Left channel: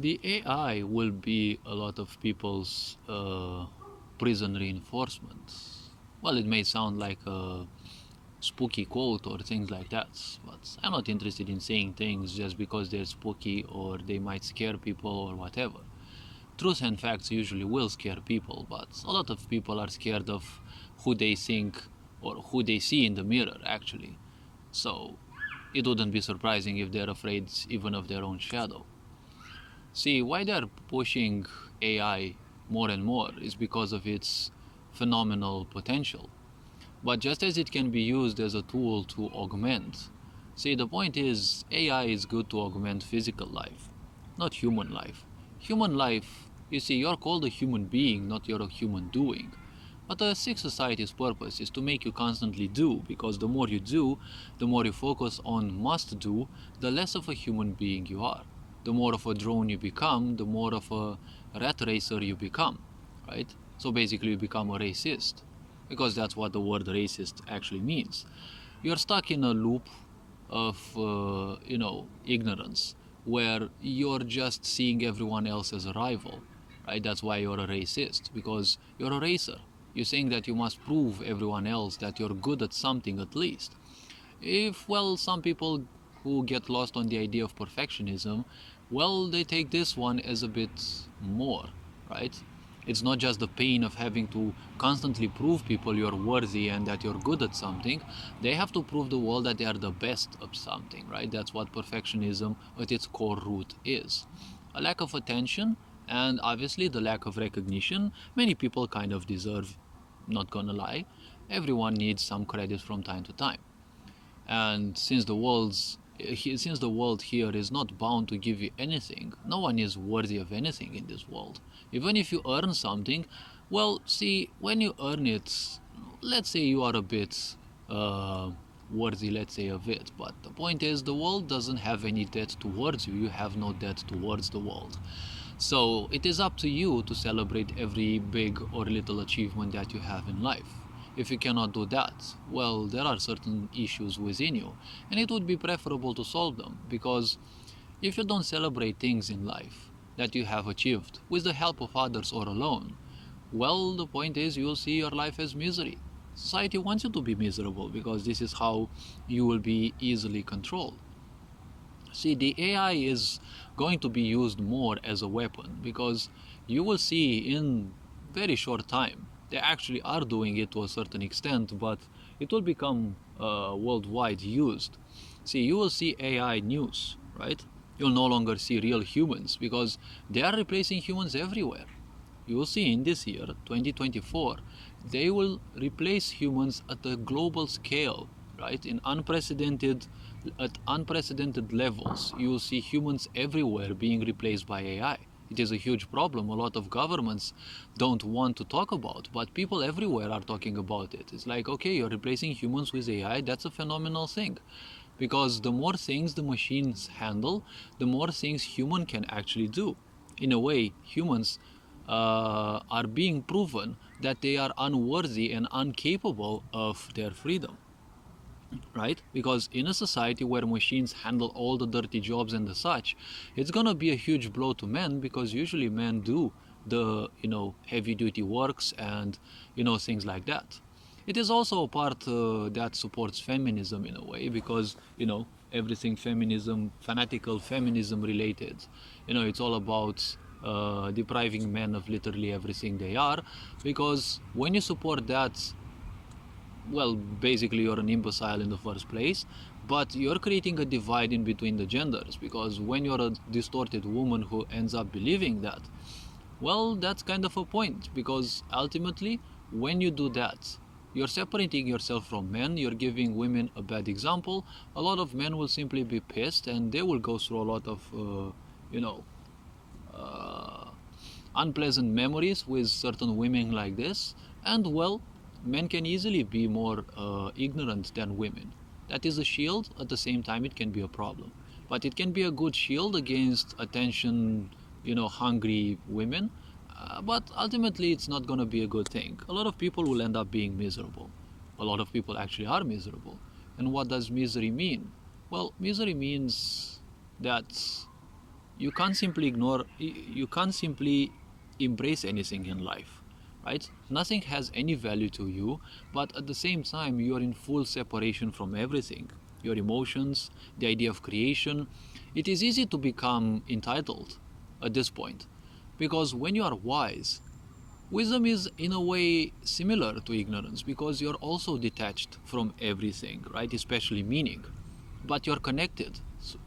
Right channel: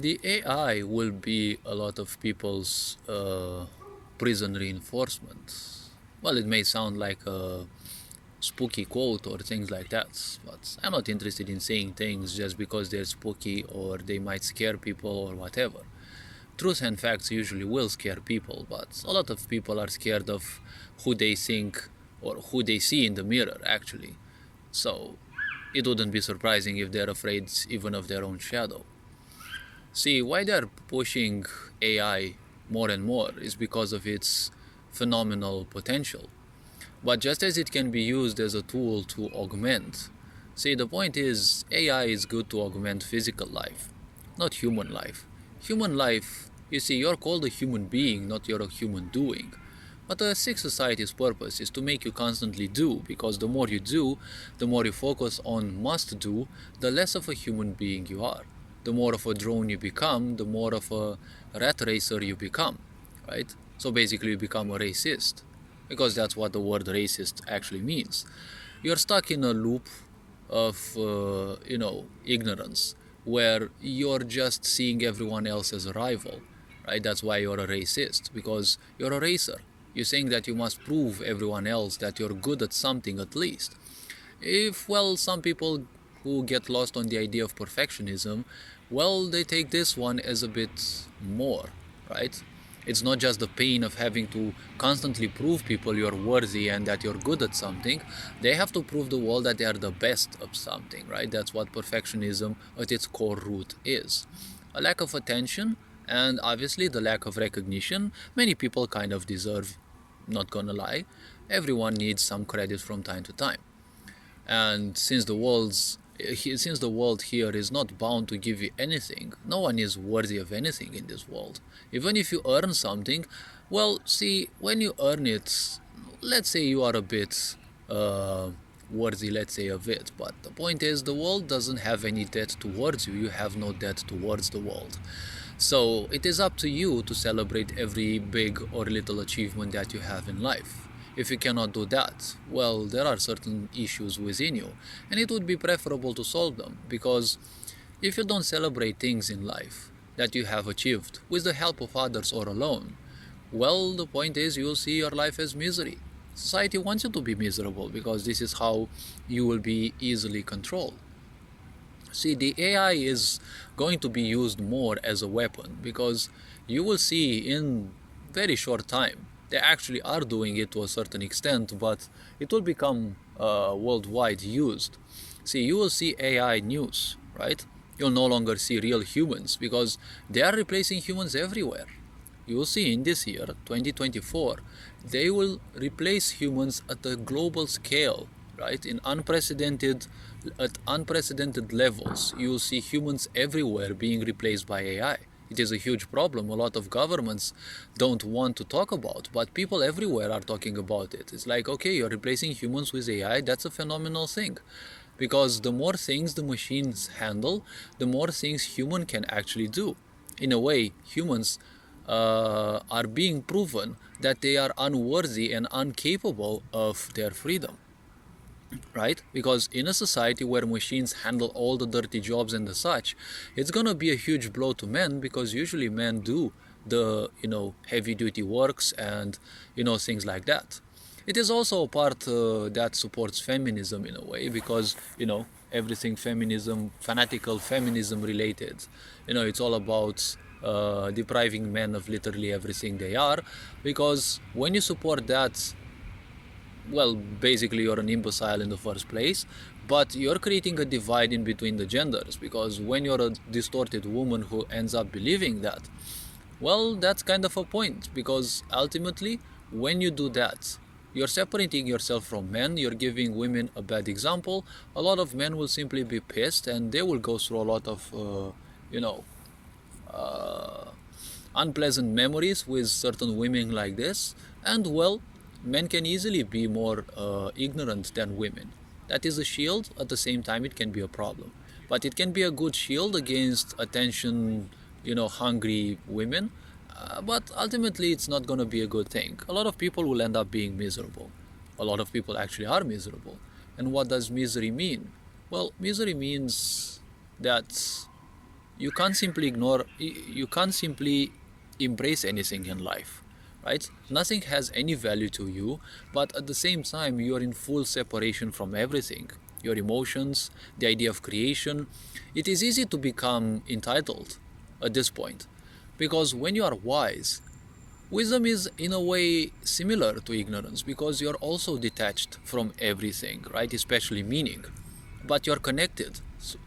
The AI will be a lot of people's prison reinforcement. Well, it may sound like a spooky quote or things like that, but I'm not interested in saying things just because they're spooky or they might scare people or whatever. Truth and facts usually will scare people, but a lot of people are scared of who they think or who they see in the mirror, actually. So it wouldn't be surprising if they're afraid even of their own shadow. See, why they're pushing AI more and more is because of its phenomenal potential. But just as it can be used as a tool to augment, see, the point is AI is good to augment physical life, not human life. Human life, you see, you're called a human being, not you're a human doing. But a sick society's purpose is to make you constantly do, because the more you do, the more you focus on must do, the less of a human being you are. The more of a drone you become, the more of a rat racer you become, right? So basically, you become a racist, because that's what the word racist actually means. You're stuck in a loop of, ignorance, where you're just seeing everyone else as a rival, right? That's why you're a racist, because you're a racer. You're saying that you must prove everyone else that you're good at something at least. If, well, some people who get lost on the idea of perfectionism, well, they take this one as a bit more, right? It's not just the pain of having to constantly prove people you're worthy and that you're good at something. They have to prove the world that they are the best of something, right? That's what perfectionism at its core root is. A lack of attention and obviously the lack of recognition, many people kind of deserve, not gonna lie. Everyone needs some credit from time to time. And since the world here is not bound to give you anything, no one is worthy of anything in this world. Even if you earn something, well, see, when you earn it, let's say you are a bit worthy, let's say of it. But the point is, the world doesn't have any debt towards you. You have no debt towards the world. So it is up to you to celebrate every big or little achievement that you have in life. If you cannot do that, well, there are certain issues within you, and it would be preferable to solve them, because if you don't celebrate things in life that you have achieved with the help of others or alone, well, the point is you'll see your life as misery. Society wants you to be miserable because this is how you will be easily controlled. See, the AI is going to be used more as a weapon, because you will see in very short time they actually are doing it to a certain extent, but it will become worldwide used. See, you will see AI news, right? You'll no longer see real humans because they are replacing humans everywhere. You will see in this year, 2024, they will replace humans at a global scale, right? At unprecedented levels. You will see humans everywhere being replaced by AI. It is a huge problem. A lot of governments don't want to talk about, but people everywhere are talking about it. It's like, okay, you're replacing humans with AI. That's a phenomenal thing, because the more things the machines handle, the more things human can actually do. In a way, humans are being proven that they are unworthy and incapable of their freedom, right? Because in a society where machines handle all the dirty jobs and the such, it's gonna be a huge blow to men, because usually men do the heavy duty works and things like that. It is also a part that supports feminism in a way, because everything feminism, fanatical feminism related, it's all about depriving men of literally everything they are, because when you support that, well, basically you're an imbecile in the first place, but you're creating a divide in between the genders, because when you're a distorted woman who ends up believing that, well, that's kind of a point, because ultimately, when you do that, you're separating yourself from men, you're giving women a bad example. A lot of men will simply be pissed and they will go through a lot of, you know, uh, unpleasant memories with certain women like this. And well, men can easily be more ignorant than women. That is a shield. At the same time, it can be a problem, but it can be a good shield against attention, hungry women. But ultimately, it's not going to be a good thing. A lot of people will end up being miserable. A lot of people actually are miserable. And what does misery mean? Well, misery means that you can't simply ignore, you can't simply embrace anything in life, right? Nothing has any value to you, but at the same time, you are in full separation from everything. Your emotions, the idea of creation. It is easy to become entitled at this point, because when you are wise, wisdom is in a way similar to ignorance because you're also detached from everything, right? Especially meaning. But you're connected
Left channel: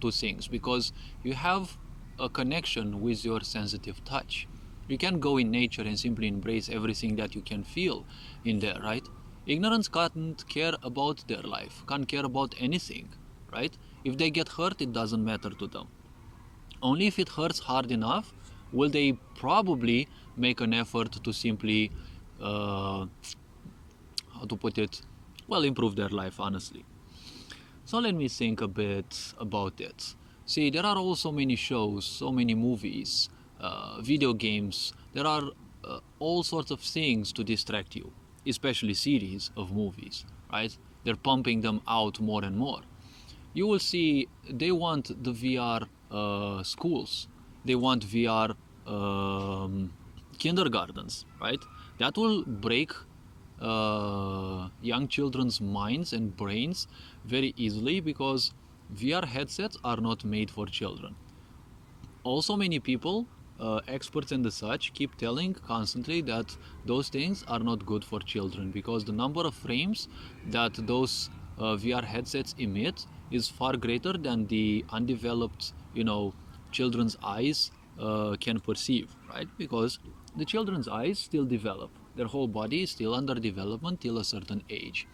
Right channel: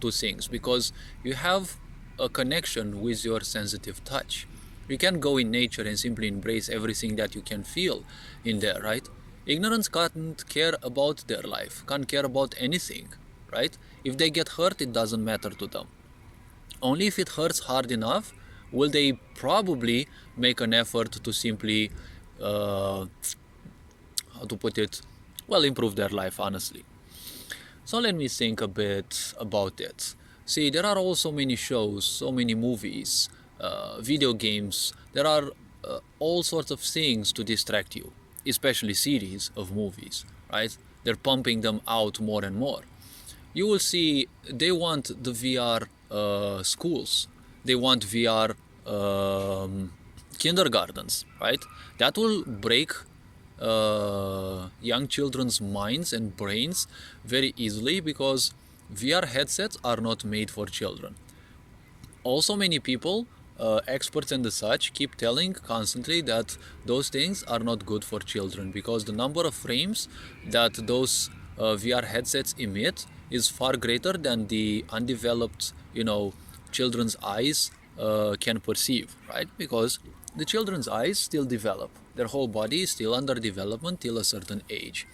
to things because you have a connection with your sensitive touch. You can go in nature and simply embrace everything that you can feel in there, right? Ignorance can't care about their life, can't care about anything, right? If they get hurt, it doesn't matter to them. Only if it hurts hard enough will they probably make an effort to simply, how to put it, well, improve their life, honestly. So let me think a bit about it. See, there are also many shows, so many movies, video games. There are all sorts of things to distract you, especially series of movies, right? They're pumping them out more and more. You will see they want the VR schools, they want VR kindergartens, right? That will break young children's minds and brains very easily because VR headsets are not made for children. Also, many people, experts and the such, keep telling constantly that those things are not good for children because the number of frames that those VR headsets emit is far greater than the undeveloped, children's eyes can perceive, right? Because the children's eyes still develop. Their whole body is still under development till a certain age.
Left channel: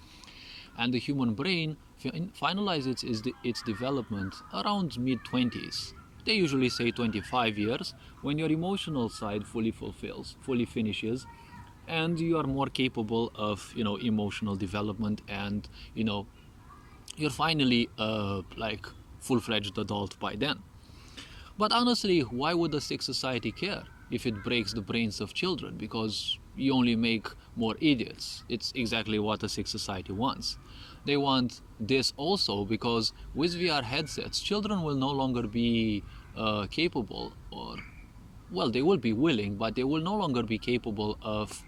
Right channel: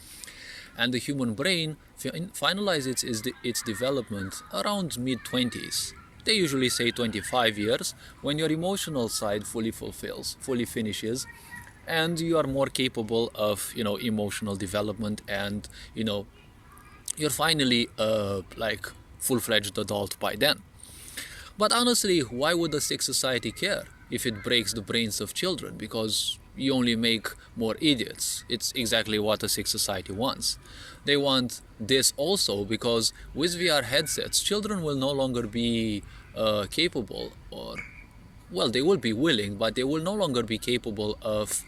And the human brain finalizes its development around mid-20s. They usually say 25 years when your emotional side fully fulfills, fully finishes, and you are more capable of, emotional development and, you're finally like full-fledged adult by then. But honestly, why would a sick society care if it breaks the brains of children? Because you only make more idiots. It's exactly what a sick society wants. They want this also because with VR headsets, children will no longer be capable, or, well, they will be willing, but they will no longer be capable of,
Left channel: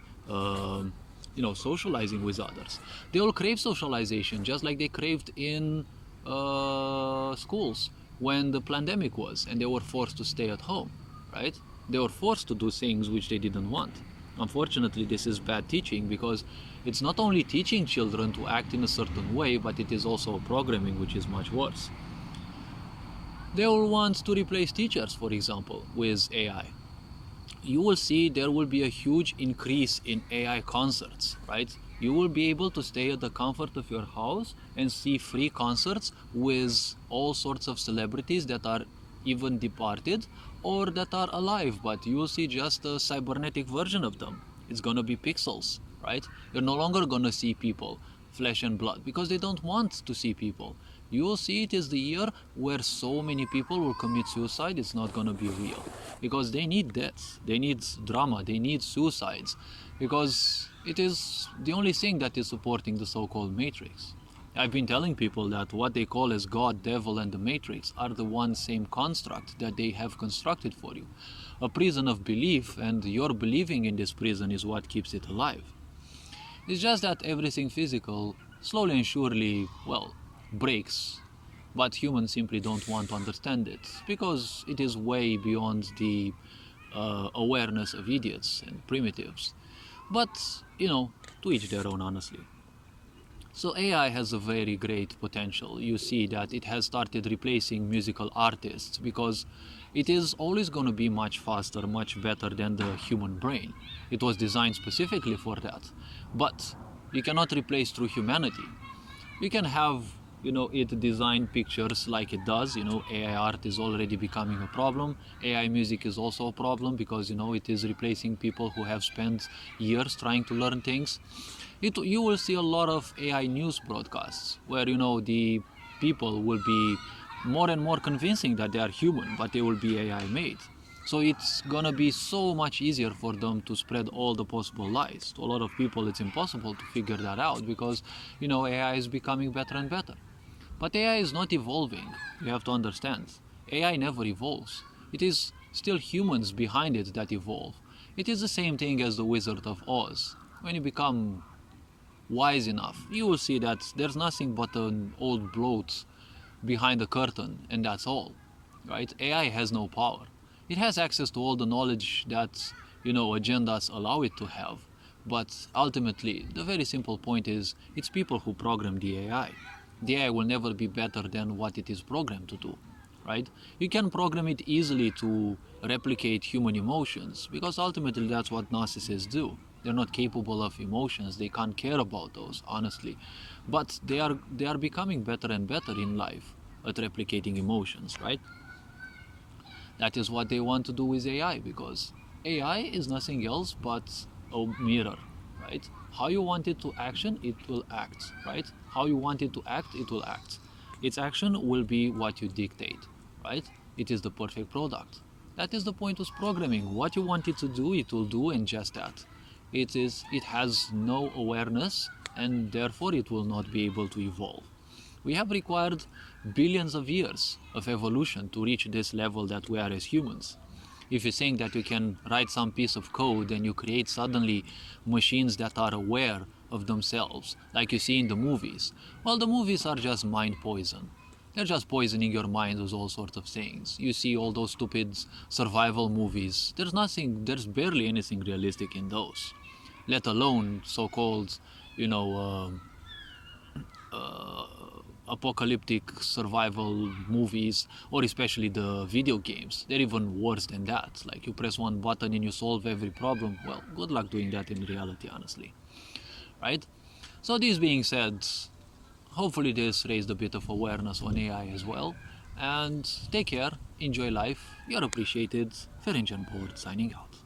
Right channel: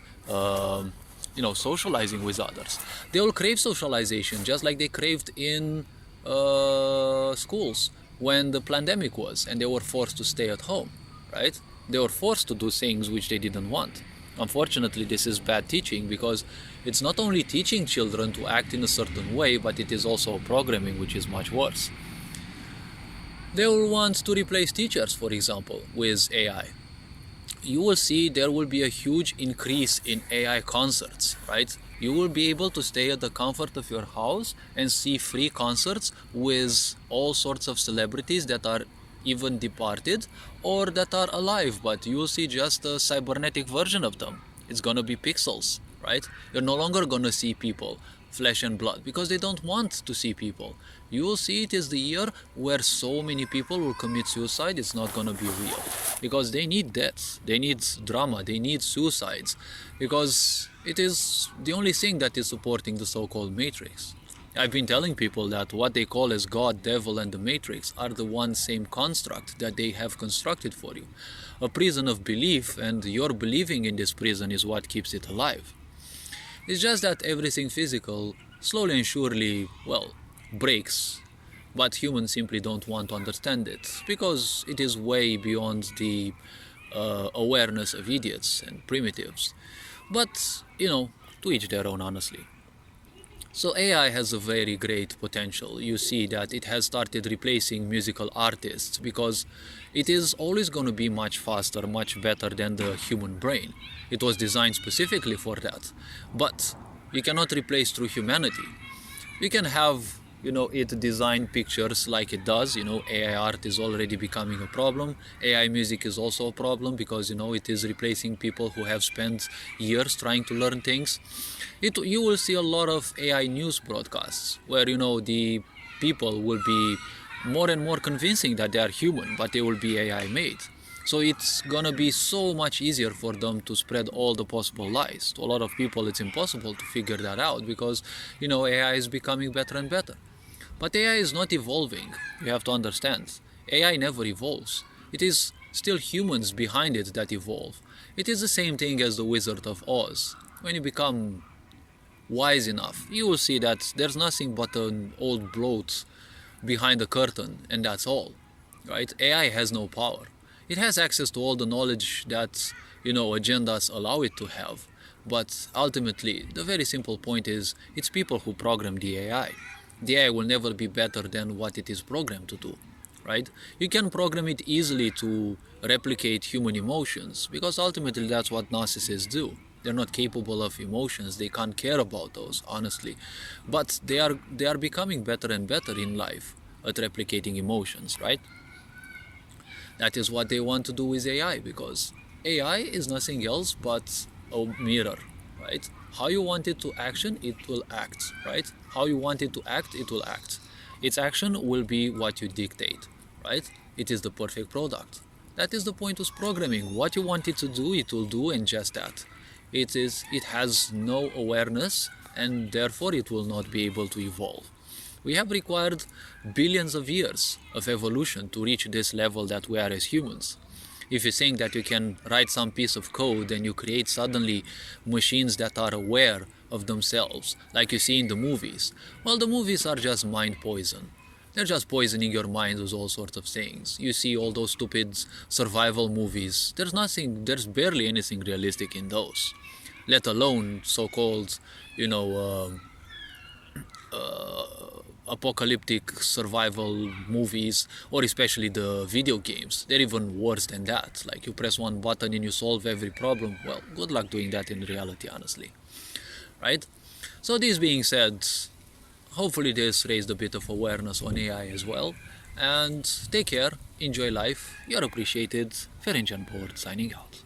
socializing with others. They will crave socialization just like they craved in schools when the pandemic was and they were forced to stay at home, right? They were forced to do things which they didn't want. Unfortunately, this is bad teaching because it's not only teaching children to act in a certain way, but it is also programming, which is much worse. They will want to replace teachers, for example, with AI. You will see there will be a huge increase in AI concerts, right? You will be able to stay at the comfort of your house and see free concerts with all sorts of celebrities that are even departed or that are alive, but you will see just a cybernetic version of them. It's gonna be pixels, right? You're no longer gonna see people, flesh and blood, because they don't want to see people. You will see it is the year where so many people will commit suicide. It's not gonna be real because they need deaths, they need drama, they need suicides, because it is the only thing that is supporting the so-called matrix. I've been telling people that what they call as God, devil, and the matrix are the one same construct that they have constructed for you. A prison of belief, and your believing in this prison is what keeps it alive. It's just that everything physical slowly and surely, well, breaks. But humans simply don't want to understand it because it is way beyond the awareness of idiots and primitives. But, to each their own, honestly. So AI has a very great potential. You see that it has started replacing musical artists because it is always going to be much faster, much better than the human brain. It was designed specifically for that. But you cannot replace true humanity. You can have, it design pictures like it does. AI art is already becoming a problem. AI music is also a problem because, it is replacing people who have spent years trying to learn things. You will see a lot of AI news broadcasts where, the people will be more and more convincing that they are human, but they will be AI made. So it's gonna be so much easier for them to spread all the possible lies. To a lot of people, it's impossible to figure that out because, AI is becoming better and better. But AI is not evolving. You have to understand. AI never evolves. It is still humans behind it that evolve. It is the same thing as the Wizard of Oz. When you become wise enough, you will see that there's nothing but an old bloat behind the curtain, and that's all. Right? AI has no power. It has access to all the knowledge that, agendas allow it to have. But ultimately, the very simple point is it's people who program the AI. The AI will never be better than what it is programmed to do. Right? You can program it easily to replicate human emotions because ultimately that's what narcissists do. They're not capable of emotions. They can't care about those, honestly. But they are becoming better and better in life at replicating emotions, right? That is what they want to do with AI because AI is nothing else but a mirror, right? How you want it to action, it will act, right? How you want it to act, it will act. Its action will be what you dictate, right? It is the perfect product. That is the point of programming. What you want it to do, it will do, and just that. It has no awareness, and therefore it will not be able to evolve. We have required billions of years of evolution to reach this level that we are as humans. If you think that you can write some piece of code and you create suddenly machines that are aware of themselves, like you see in the movies, well, the movies are just mind poison. They're just poisoning your mind with all sorts of things. You see all those stupid survival movies. There's barely anything realistic in those, let alone so-called, you know, apocalyptic survival movies, or especially the video games. They're even worse than that. Like you press one button and you solve every problem. Well, good luck doing that in reality, honestly. Right? So this being said, hopefully this raised a bit of awareness on AI as well. And take care, enjoy life, you're appreciated. Ferenc Board signing out.